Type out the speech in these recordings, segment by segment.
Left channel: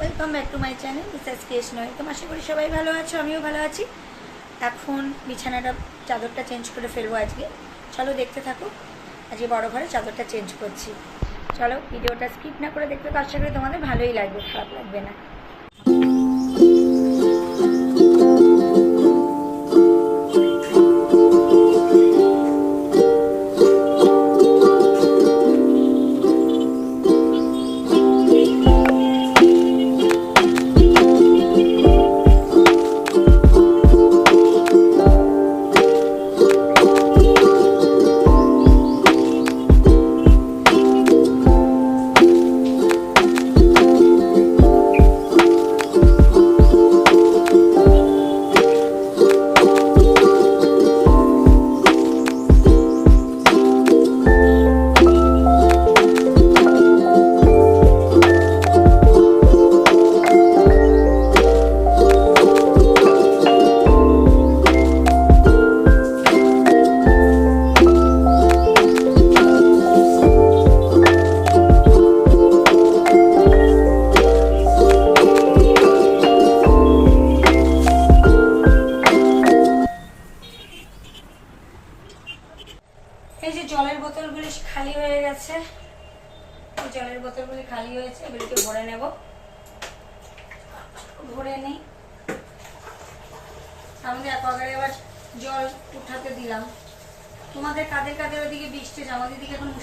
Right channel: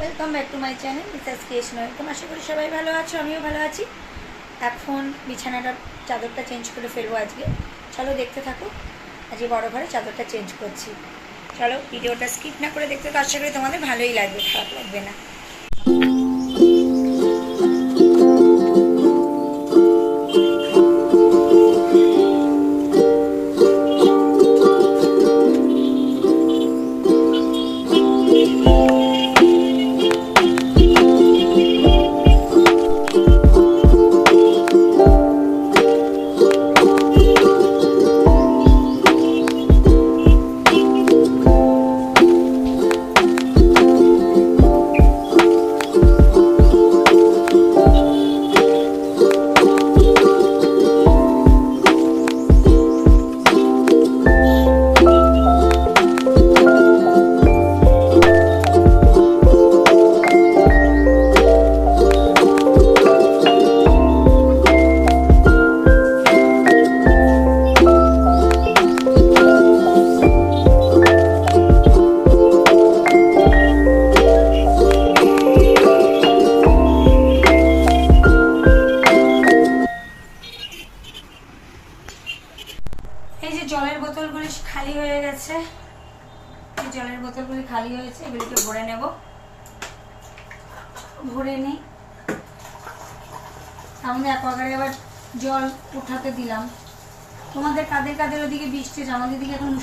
Welcome back to my channel Mrs case নয় তো আশা করি সবাই ভালো আছো, আমিও ভালো আছি। এখন বিছানাটা, চাদরটা চেঞ্জ করে ফেলব আজকে। চলো দেখতে থাকো। আজকে বড় ঘরে চাদরটা চেঞ্জ করছি। চলো, ভিডিওটা স্কিপ না করে দেখতে তো আশা করি তোমাদের ভালোই লাগবে, খারাপ লাগবে না।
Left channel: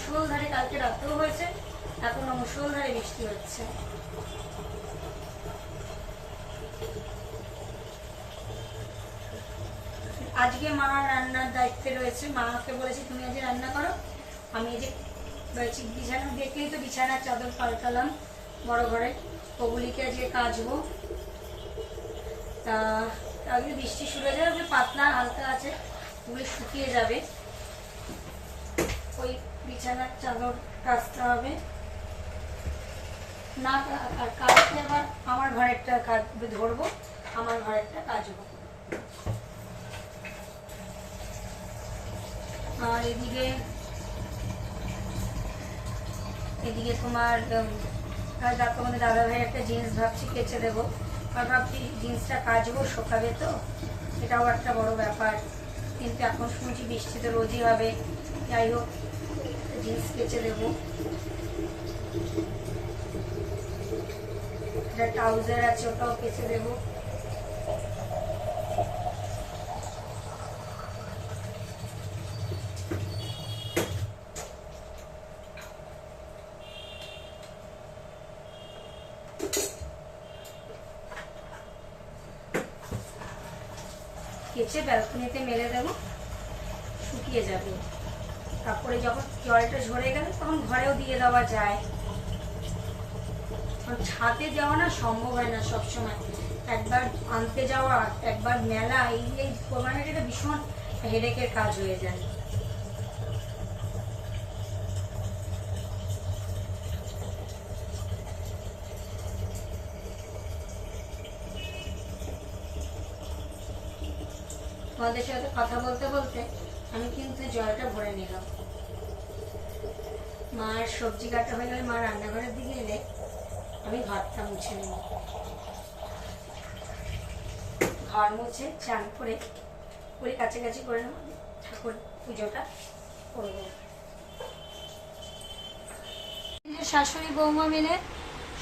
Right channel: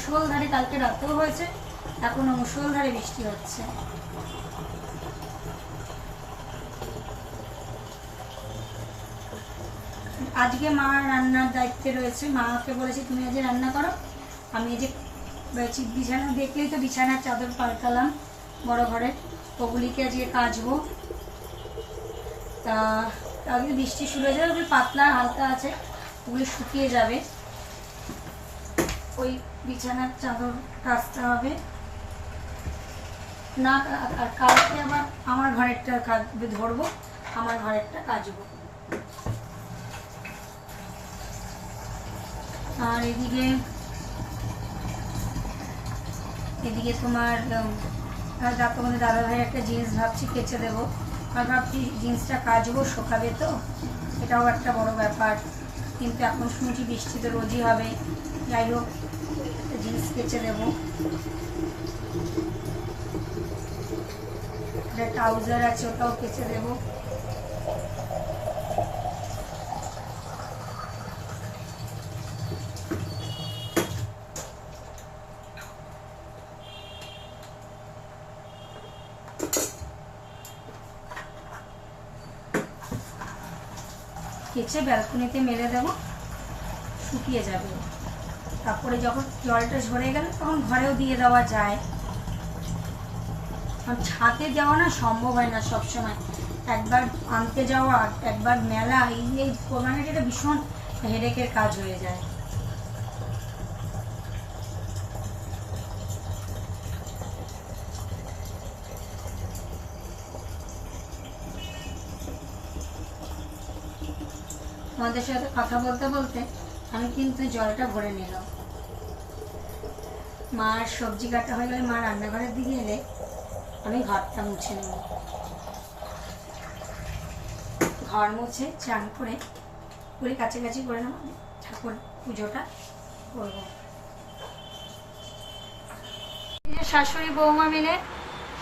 মুসলধারে কালকে রাতেও হয়েছে, এখনও মুসলধারে বৃষ্টি হচ্ছে। আজকে মা রান্নার দায়িত্বে রয়েছে। মাকে বলেছি, তুমি আজ রান্না করো। আমি যে বিছানা, দেখলেই তো বিছানার চাদর পাল্টালাম বড় ঘরে। ওগুলিকে আজকে কাচবো। তা আজকে বৃষ্টি শুরু হয়ে যাবে, ওগুলি পাতলা হালকা আছে, ওগুলি শুকিয়ে যাবে। ওই বিছানার চাদর কাচতে হবে। না, আর আবার আমার ঘরেরটা কাজ, ধরবো, আমার ঘরেরটা কাচবো। আর এদিকে এদিকে তোমার আর তোমাদের দাদা ভাই একটা জিন্স ভাবছি কেচে দেবো। আর ভাবছি জিন্সটা কাচবো শোকাবে তো, এটাও একটা বড় ব্যাপার। কিন্তু এখন শুনছি বৃষ্টি তো রোজই হবে। যাই হোক জিন্স কেচে দেবো একটা ট্রাউজার আছে, ওটাও কেচে দেবো কেচে ব্যালকনিতে মেলে দেবো, শুকিয়ে যাবে। তারপরে যখন জলটা ঝরে গেলে, তখন ঘরেও দিয়ে দেওয়া যায়। ছাদে যাওয়া না সম্ভব হয় না সবসময়। একবার আনতে যাওয়া, একবার মেলা, এই এই এটা ভীষণ হেডেকের কাজ হয়ে যায়। তোমাদের সাথে কথা বলতে বলতে আমি কিন্তু জলটা ভরে নিলাম। মার সবজি কাটা হয়ে গেলে, মা রান্নাঘরের দিকে এলে আমি ঘরটা মুছে নেব। ঘর মুছে, চান করে, পুরি কাছাকাছি করে নেব। ঠাকুর পুজোটা করব। শাশুড়ি বৌমা মিলে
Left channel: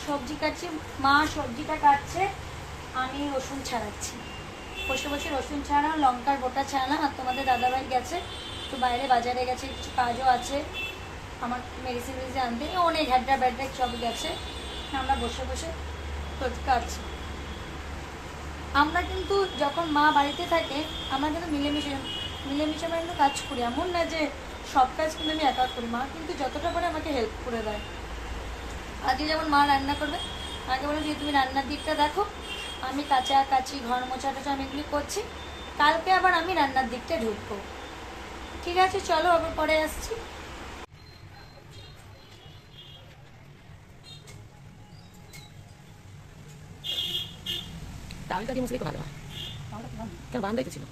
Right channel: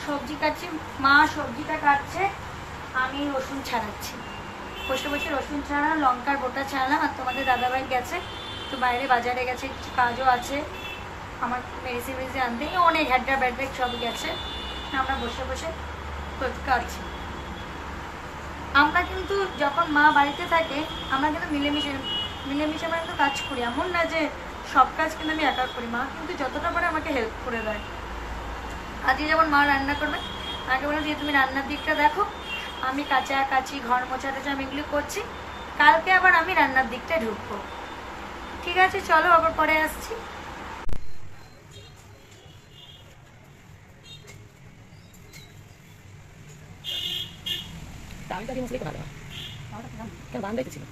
সবজি কাটছে, মা সবজিটা কাটছে, আমি রসুন ছাড়াচ্ছি। বসে বসে রসুন ছাড়ালাম লঙ্কার গোটা ছাড়ালাম আর তোমাদের দাদাভাই গেছে তো বাইরে বাজারে গেছে কিছু কাজও আছে। আমার মেডিসিন মেডিসিন আনতে। অনেক হ্যাড্রা ব্যাড্রা সব গেছে। আমরা বসে বসে কাটছি। আমরা কিন্তু যখন মা বাড়িতে থাকে, আমরা কিন্তু মিলেমিশে মিলেমিশে আমরা কিন্তু কাজ করি। এমন না যে সব কাজ কিন্তু আমি একা করি। মা কিন্তু যতটা পারে আমাকে হেল্প করে দেয়। আজকে যেমন মা রান্না করবে, আগে বলে যে তুমি রান্নার দিকটা দেখো। আমি কাঁচা কাচি ঘর মোছা টোচা আমি এগুলো করছি। কালকে আবার আমি রান্নার দিকটা ঢুকবো। ঠিক আছে, চলো আবার পরে আসছি। ডালটা দিয়ে মুসলি ভালো হয়। তার বান্ধাই তো ছিল।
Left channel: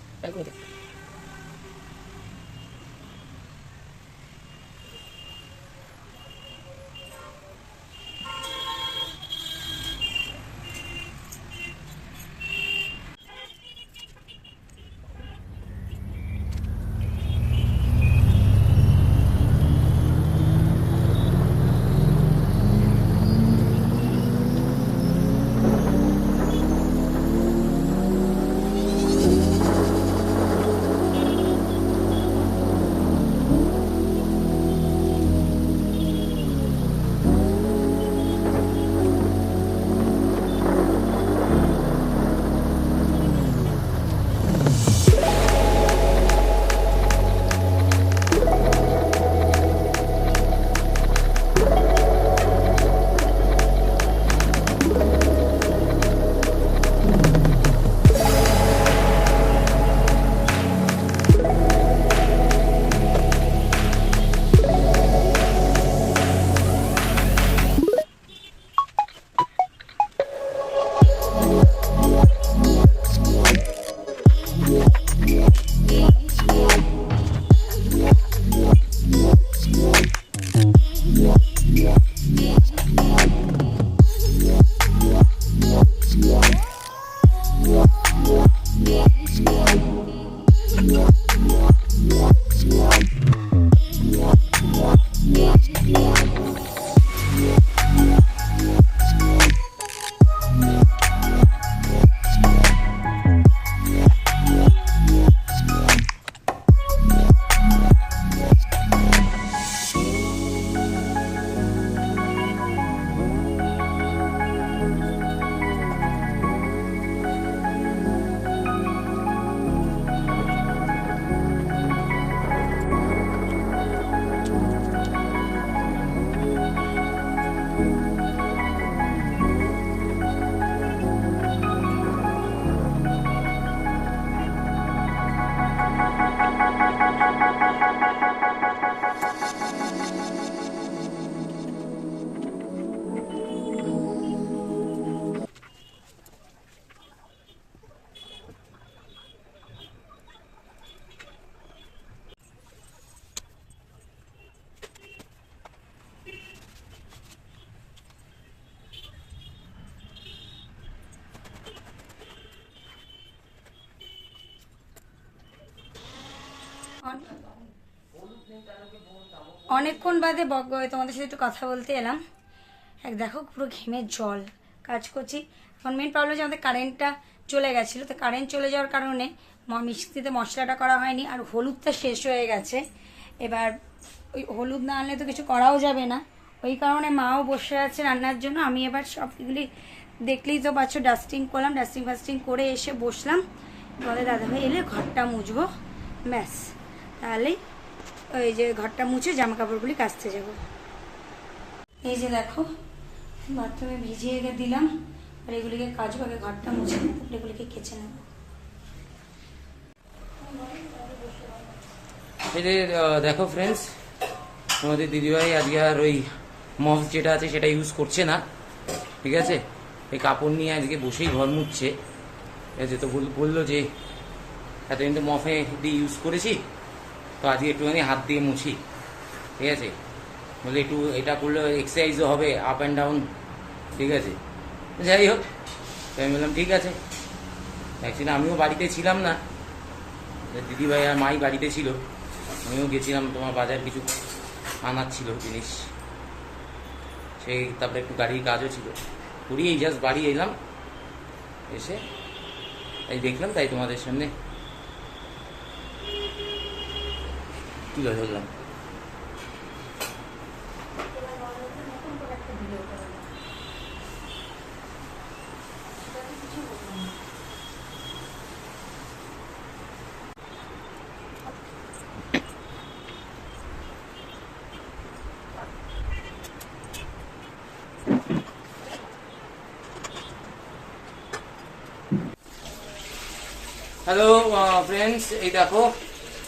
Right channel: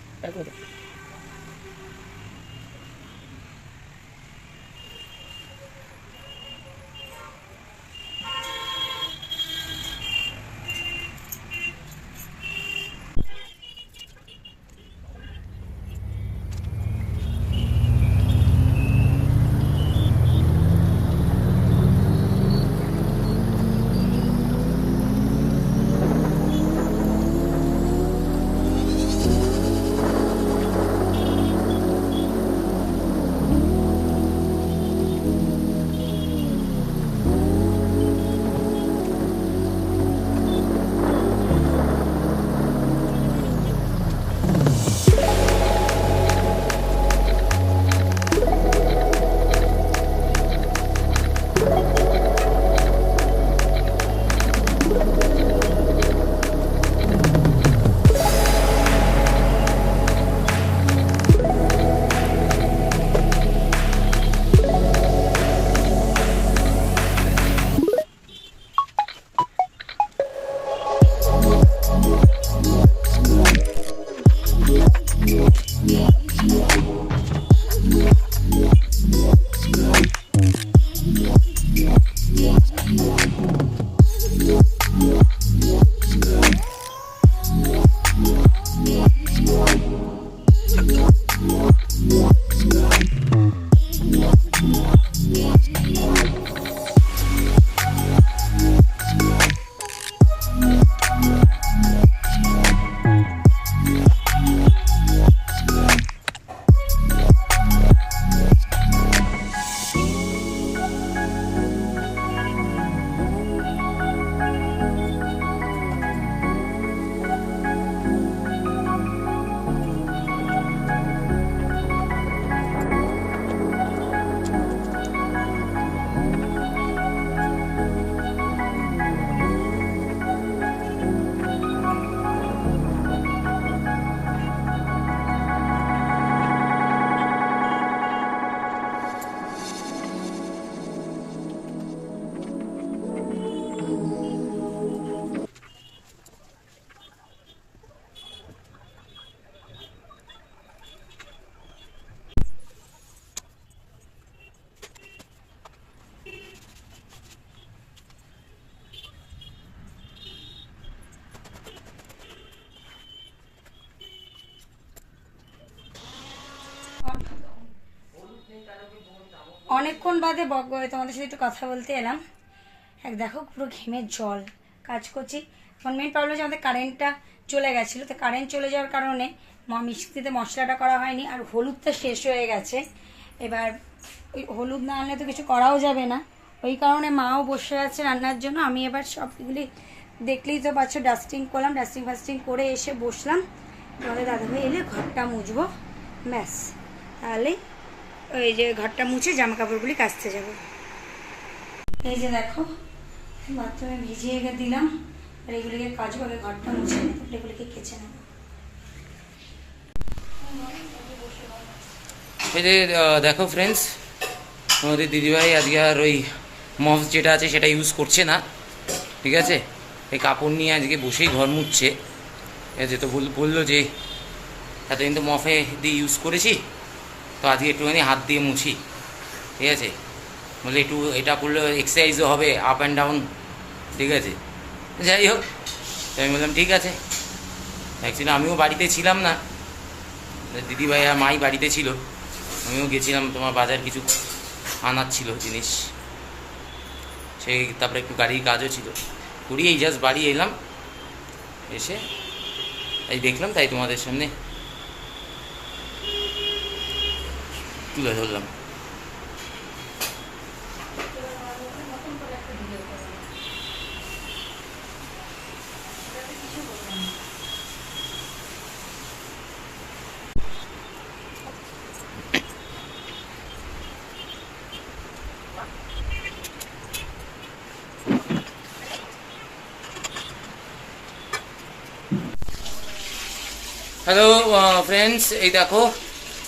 অনেকক্ষণ বাদে বগ- তোমাদের সাথে একটু কথা বলতে এলাম। এক দেখো, পুরো ঘেমের জল। কাজ করছি। এখন মেন প্রবলেম হচ্ছে আমাদের কারেন্টটা চলে গেছিল। তো কারেন্ট চলে যাওয়ার কারণে ম- মিক্সিতে মশলাটা করা হয়নি আর হলুদটা শেষ হয়ে গেছে। এবার ওই হলুদ না আনলে তো কিছু করাও যাবে না। ওই কারণে মাও বসে আছে রান্নার জন্য। আমি এবার সবগুলি দেখলেই তো পাচ্ছ ডাস্টিং করলাম। ডাস্টিং ফাস্টিং করে এসে বসলাম। তোমাদের দাদাভাই এলে ঘরটা মুছবো। ব্যাস। তাহলেই ওই যে ঘরটা মুছে জামা কাপড়গুলি কাচতে যাব। এই যে দেখো, বাথরুমে ভিজিয়ে দিলাম, আর এগুলিকে কাজ করে ঘরটা মুছে এগুলিকে কেচে নেব। এই যে দেখো ফ্রেন্ডস আমাদের দিদিভাই আজকে আর ওই মফ যেটা আছে সেটা ইউজ করছে না, ঠিক আছে? এই কাপড় নিয়ে আজকে বসেই ঘর মুছছে। আছে তো বল- বলল যে, এতদিন তো মফে দিয়ে ইউজ করেছি তো আজকে একটুখানি হাত দিয়ে মুছি, ঠিক আছে? বলে একটু এটা করলে এক্সারসাইজও হবে আপ অ্যান্ড ডাউন ঠিক আছে? যাই হোক, তো আমি বললাম, ঠিক আছে। অ্যাকচুয়ালি আমিও বাড়িতে ছিলাম না। দিদিভাই আর মাই বাড়িতে ছিল। আমিও গেছিলাম, তোমার বাজার কিছু আনার ছিল জিনিস। সেই তারপরে একটু গাড়ির কাজও ছিল। করি এই জাস্ট বাড়ি এলাম। এসে তাই দেখলাম তাই তোমাদের সামনে তুলে ধরলাম। হ্যালো ফ্রেন্ডস uh, এই দেখো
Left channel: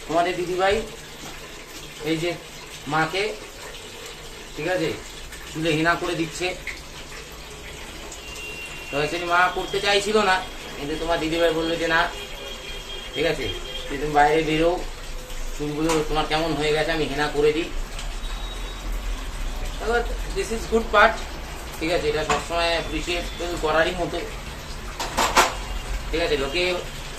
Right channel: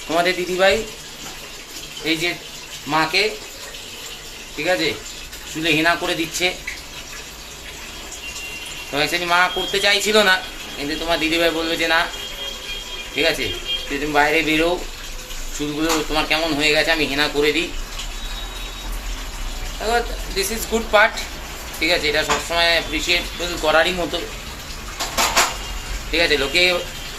তোমাদের দিদিভাই এই যে মাকে, ঠিক আছে? চুলে হেনা করে দিচ্ছে। তো অ্যাকচুয়ালি মা করতে চাইছিল না, কিন্তু তোমার দিদিভাই বলল যে না, ঠিক আছে? তুই তুমি বাইরে বেরো, চুলগুলো তোমার কেমন হয়ে গেছে আমি হেনা করে দিই। দিস ইজ গুড পার্ট ঠিক আছে? এটা সবসময় অ্যাপ্রিসিয়েট করারই মতো। ঠিক আছে? লোকে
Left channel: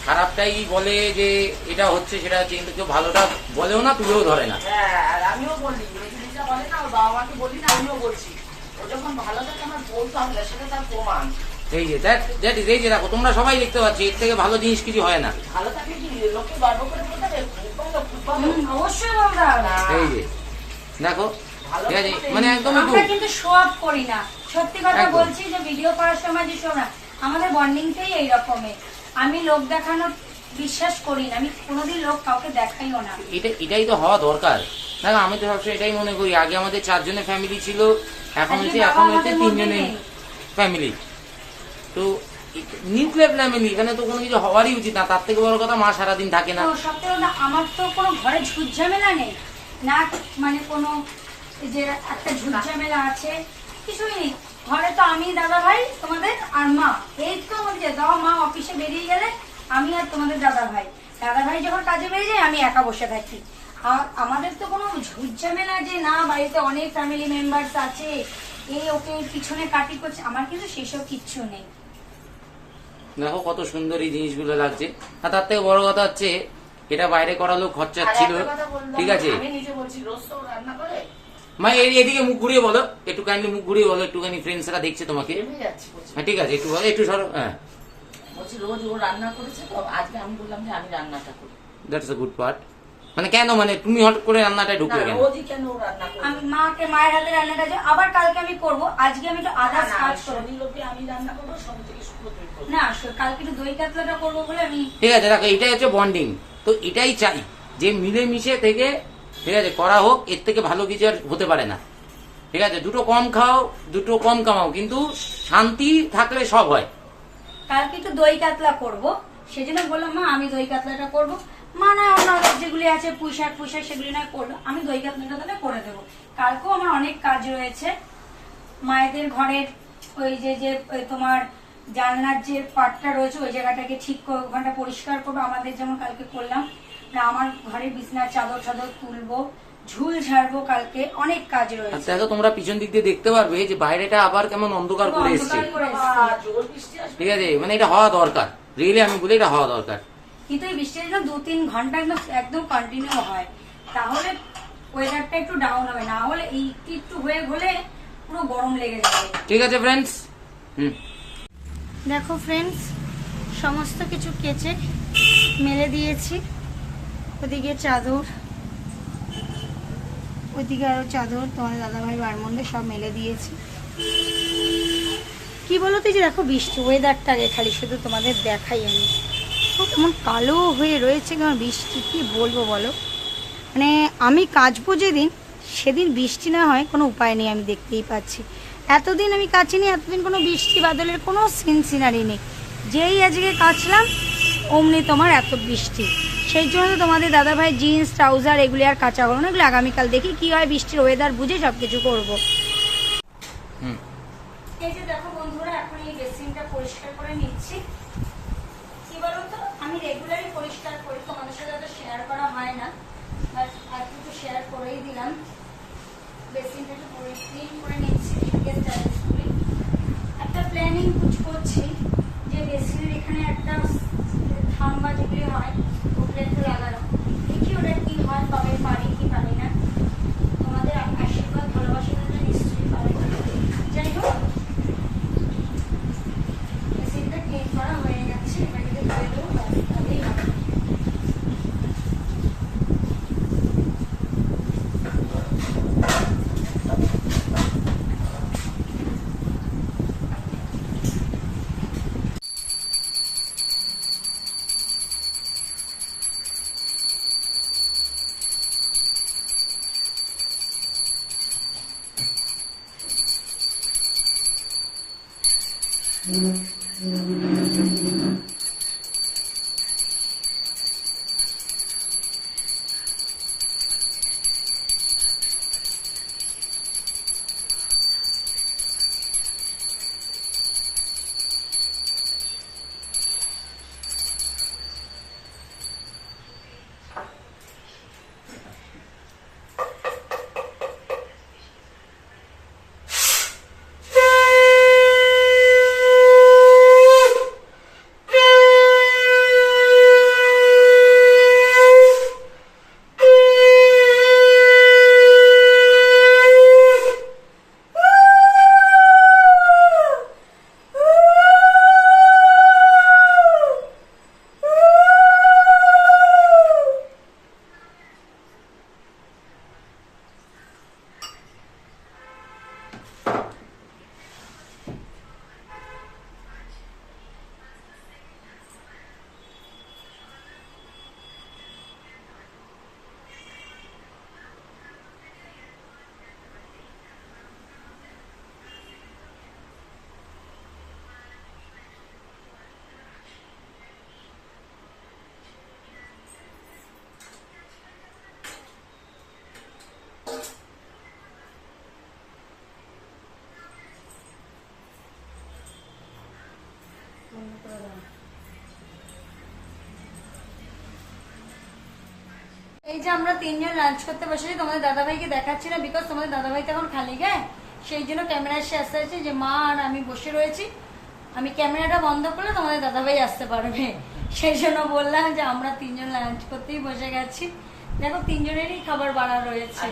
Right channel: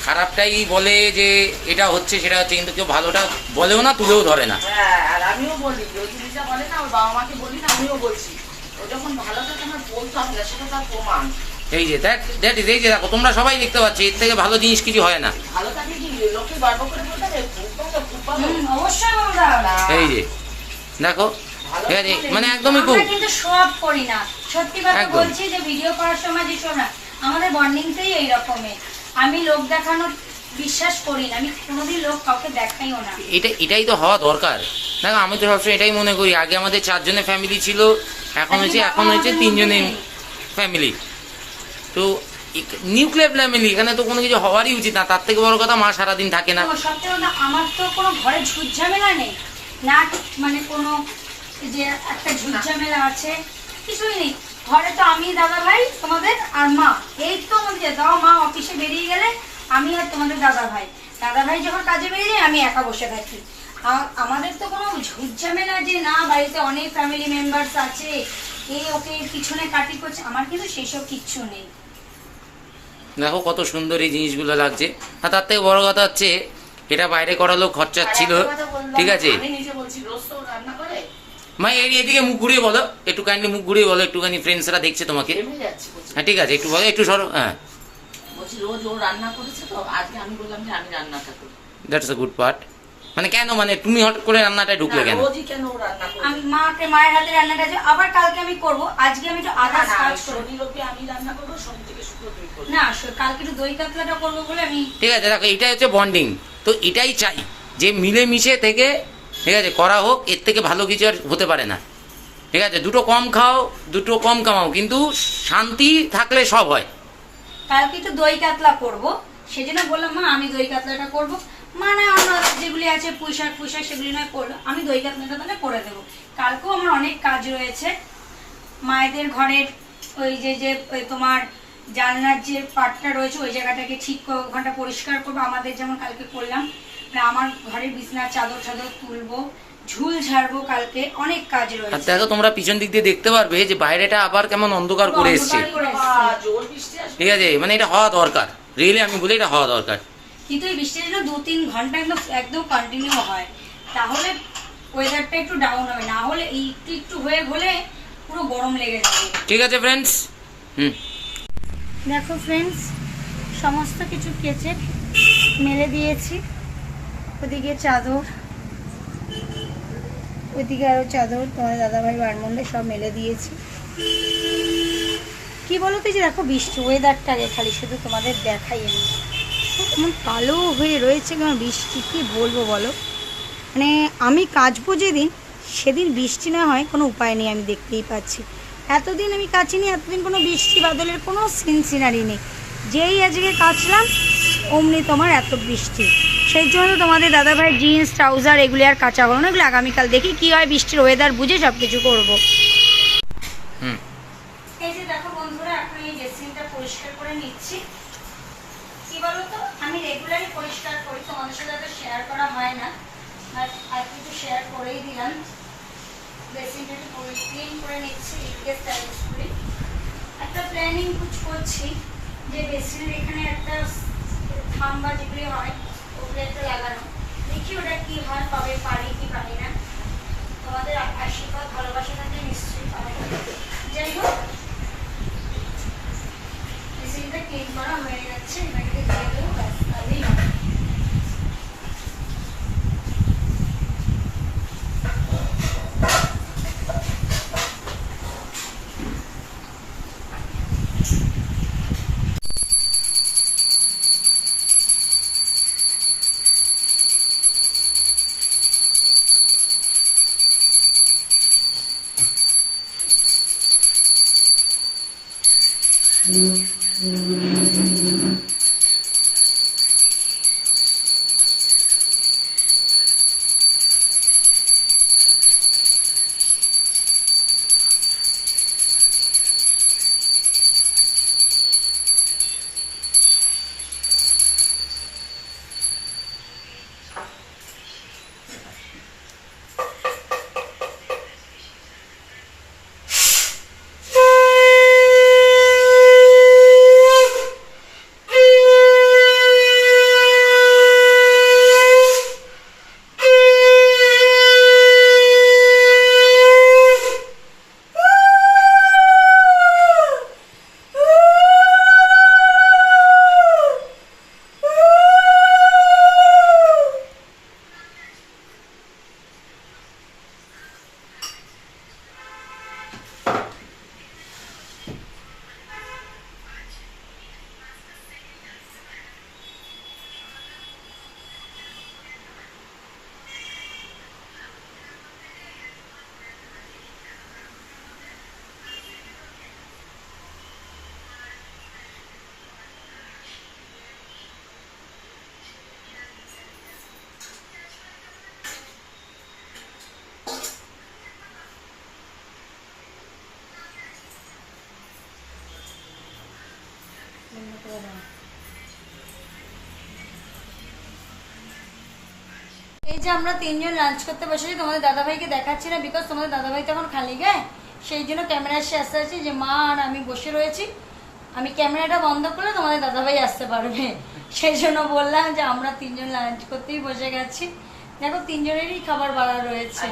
খারাপটাই বলে যে এটা হচ্ছে সেটা হচ্ছে কিন্তু কেউ ভালোটা বলেও না তুলেও ধরে না। হ্যাঁ আর আমিও বলি ওই জিনিসটা বলে না বাবা মাকে বলি না আমিও বলছি। ও যখন ভালো থাকে আমার বলতে হবে না সেটা তার প্রমাণ। এই যে দ্যাট দ্যাট ইজ এই যে দেখো তোমরা সবাই দেখতে পাচ্ছ এর থেকে ভালো জিনিস কিছু হয় না। ভালো থাকলে কি লোকে গর্ব করে বলতে হবে খুব ভালো খুব ভালো। হুম, অবশ্যই এই যে দেখো ঠিক আছে মানে একদমই আমরা কিন্তু অফ করি না। সত্যি কথা বলছি যে ভিডিও করার সময় যে না আমাদের বন্ডিংটাই এই রকমের আমি লোক দেখানো বিশ্বাস করি না আমি কোনোদিন লোক কাউকে দেখাইও না। এটা এটাই তো হওয়া দরকার। দেখো আমি তো সবসময় এটাই মনে করি আগে আমাদের চারজনের ফ্যামিলি ছিল এখন হচ্ছে এখন হচ্ছে তিনজনের ফ্যামিলি তো নিউক্লিয়ার ফ্যামিলি এখানে তো কোনো কিছু হওয়ারই উচিত না তার থেকে বড় কথা মা সারাদিন থাকে না। আমার তো কোনো ঘরে ঝুট ঝামেলা নেই। না মানে কোনো যে একটা ঝুট ঝামেলা আছে কিছুই নেই। ঘরে তো আমি দাদা ভাই তোমাদের আর মা। এই তো আমাদের দাও মা অফিসে বেরিয়ে গেলে আমি আর তোমাদের দাদা ভাই দাদা ভাই যখন কাজে বেরিয়ে যায় আমি একা বসে থাকি। আর আমাদের তো কোনো ঝুট ঝামেলা যে না বাড়িতে অনেক ফ্যামিলি মেম্বার্স আছে এ ওকে পিছনে কাটি করছে। আমার কিন্তু সেসব কিচ্ছু নেই। দেখো কত সুন্দর এই জিনিসগুলো লাগছে। আর তার থেকে বড় কথা হচ্ছে এটা বাইরে করালেও খরচা ছিল ঠিক আছে? আমি নিজে বলছি রোজ রান্না মা এই এদিকে মুখ ঘুরিয়ে বলো। একটু কাইন্ডলি মুখ ঘুরিয়ে বলো একটুখানি ফ্রেন্ডসরা দেখছে তোমাকে। হ্যাঁ ঠিক আছে একটু বলো একটু সরো হ্যাঁ। বলছি রোজ ও রান্না করেছে তো আজকে আমি বললাম যে আমি রান্নাটা করি। দ্যাটস আ গুড পার্ট মানে কেন মানে তুমি হট করে রান্নাটা ঢুকলে কেন? রোজই কেন ও রান্না করে? আমি মাকে মায়ের হাতে রান্নাটা যে আবার কালকে আমি করব আজকে আমি তো আদার্স না, কাজ করব। রবি আমি রান্না করব সোম থেকে শুক্র তুই করবি। না কালকে একটু দই কাতলাটা করব বলে আমি ঠিক আছে দেখো এটাই হচ্ছে বন্ডিং তো এটাই চাই যে মিলেমিশে থেকে ঠিক আছে, করা হোক, এর থেকে ভালো কিছু আর হতে পারে না। ঠিক আছে, দুটো কম খাও, দুটো কম কামাও, কিন্তু শান্তি থাকলে সব হয়। কালকে একটু দই কাতলা করব। সেজন্য বললাম, মা, আমি দই কাতলাটা করব। মা, না, অন্য যেগুলি আছে, পুঁইশাক পুঁইশাক সেগুলি নয় করল আমি দই কাতলাটা তাহলে করে দেবো। কালকেও আমার অনেক কাজ রয়েছে। মায়েদের ঘরের ওই যে যে তোমার জানলার যে পাটটা রয়েছে, ওই জায়গাটাকে ঠিক ওখানটা পরিষ্কার করব। আমাদের যেমন কালকে করলাম আমার ঘরের বিছনার চাদর চাদর তুলবো ঝুল ঝাড়বো কালকে অনেক কাজ আর রয়েছে দেখো তোমরা পিছন দিক দিয়ে দেখতে পারবে যে বাইরেটা আবার কেমন অন্ধকার করে এসছে। ঠিক আছে মানে এটা হওয়া দরকার। রিয়েলি আমি বলি এটা হওয়া দরকার। কিন্তু এই বৃষ্টিটা যেন দু তিন ঘণ্টা একদম একদম কন্টিনিউ হয়। তাহলে ওয়েদারটা একটু ডাউন হবে না হলে এই একটু একটু হয়ে হলে পুরো গরম লেগে যাবে। ঠিক আছে ফ্রেন্ডস হুম। দেখো ফ্রেন্ডস সমস্ত কিছু কেচে মেলে দিয়েছি। ওদিকে চাদর, ওদিকে আরও চাদর, তোমার দাদাভাই বারমন্ডে সব মেলে দিয়েছি। কি বলো তো যে দেখো বৃষ্টি ওয়েদারটা রে, খালি শুধু তোমাদের দেখাই আমি। কেমন কালো হয়ে রয়েছে কেমন বৃষ্টি, কি বলব বলো? মানে আমি কাচবো যেদিন, সেদিন বৃষ্টি না হয় কোনো উপায় নেই, আমি দেখতেই পাচ্ছি। এতদিন আমি কাচিনি, এতদিন কোনো বৃষ্টি বাদলের কোনো সিন সিনারি নেই। যেই আজকে কাচলাম, অমনি তোমার এত বৃষ্টি। সেই জন্য তোমাদের দাদাভাই জিন্স ট্রাউজার এগুলি আর কাঁচা হলো না এগুলো আগামীকাল দেখি কি হয় বৃষ্টির ওয়েদার বুঝে সব কিছু করব। হুম। এই যে দেখো বন্ধুরা এখন এই বেসিনটা পরিষ্কার করে নিচ্ছি। কি বলতো? আমি রেগুলারই পরিষ্কার করি তোমাদের সাথে তো শেয়ার করা হয় না। আর আর কিছু শেয়ার করেই দিলাম। বেসিনটা একটু ক্লিন করে নিচ্ছি করে একটা প্ল্যানিং কুচ করছি যে বেসিনের এখানে একটা থাম্বা যেগুলি হয় কি হয়, কবে পারি, কি পারি না। তোমাদের আশীর্বাদ, ভালোবাসা থাকে নিশ্চয়ই পাবে। যাই হোক মেশিনটা ক্লিন করা হয়ে যাচ্ছে এটাকে দিয়ে দেবো ব্যাস এই যে আমরা তিনজন লাঞ্চ করতে বসেছি তোমাদের দাদাভাইকে দেখাচ্ছি না বিকজ তোমাদের দাদাভাই তো এখন খালি গায়ে। সেই জন্য ক্যামেরার সে আসতে আছে যে মা আর আমি বসে রয়েছি। আমি ক্যামেরাটা বন্ধ করলে তোমাদের দাদাভাই আসতে পারবে। সেই জন্য বললাম যে আমরা তিনজন লাঞ্চ করতেই বসে গেছি। দেখো তিনজনেরই খাবার বাড়া রয়েছে।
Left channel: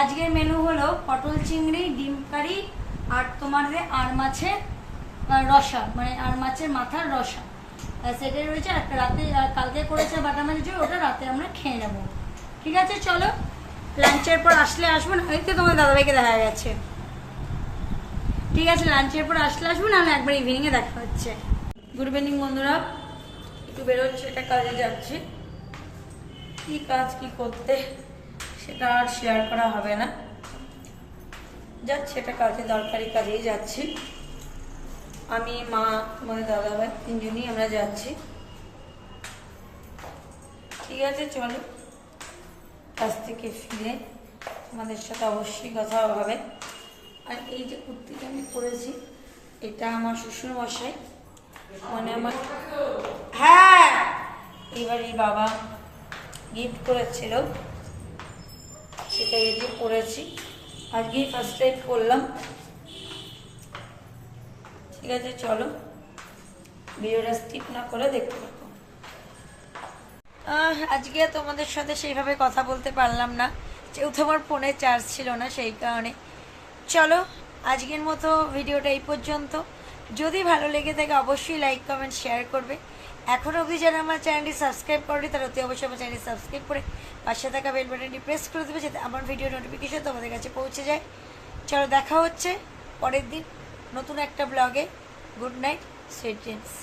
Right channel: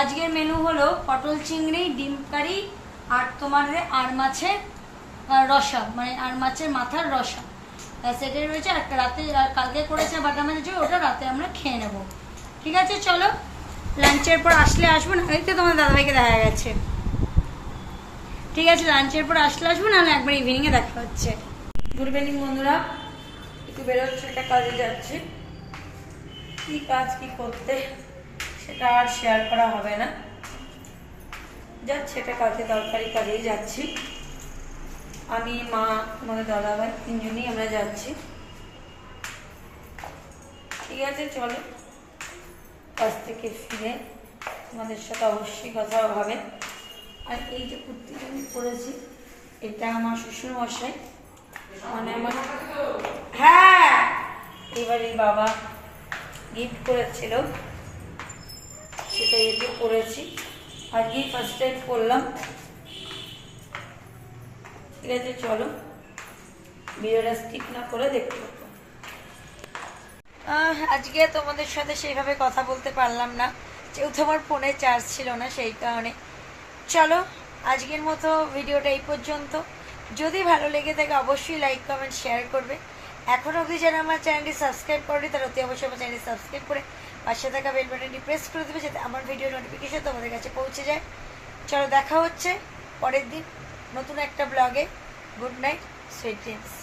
আজকের মেনু হলো পটল চিংড়ি ডিম কারি আর তোমার আর মাছের রসা মানে আর মাছের মাথার রসা। সেটাই রয়েছে। একটা রাতে কালকে করেছে মাছের ঝোল, ওটা রাতে আমরা খেয়ে নেব। ঠিক আছে চলো। লাঞ্চের পর আসলে আসব না তো তোমার দাদাভাইকে দেখা গেছে ঠিক আছে লাঞ্চের পর আসলে আসব নাহলে একবার ইভিনিংয়ে দেখা হচ্ছে। গুড ইভিনিং বন্ধুরা। একটু বেরোচ্ছে একটা কাজে যাচ্ছে। কি কাজ কি করতে সেটা আর শেয়ার করা হবে না। যাচ্ছে এটা কাজে দরকারি কাজেই যাচ্ছি। আমি, মা, তোমাদের দাদাভাই তিনজনই আমরা যাচ্ছি। ঠিক আছে, চলো। কাছ থেকে ফিরে তোমাদের সাথে অবশ্যই কথা হবে। আর এই যে কুর্তিটা আমি পরেছি, এটা আমার শ্বশুর মশাই মানে আমার হ্যাঁ এবারে বাবা গিফট করেছিল। সেটা এতে পরেছি। আজকেই ফার্স্ট টাইম করলাম ঠিক আছে, চলো। ভিডিওটা স্কিপ না করে দেখতে থাকো। আজকে তোমাদের সাথে সেইভাবে কথা বলতে পারলাম না। যেহেতু আমার ফোনে চার্জ ছিল না সেই কারণে। চলো, আজকের মতো ভিডিওটা এই পর্যন্ত। যদি ভালো লেগে থাকে, অবশ্যই লাইক কমেন্ট শেয়ার করবে। এখন অবধি যারা আমার চ্যানেলটি সাবস্ক্রাইব করেনি, তারা অতি অবশ্যই আমার চ্যানেলটি সাবস্ক্রাইব করে পাশে থাকা বেল বাটনটি প্রেস করে দেবে, যাতে আমার ভিডিও নোটিফিকেশন তোমাদের কাছে পৌঁছে যায়। চলো, দেখা হচ্ছে পরের দিন। নতুন একটা ব্লগে গুড নাইট সুইট ড্রিমস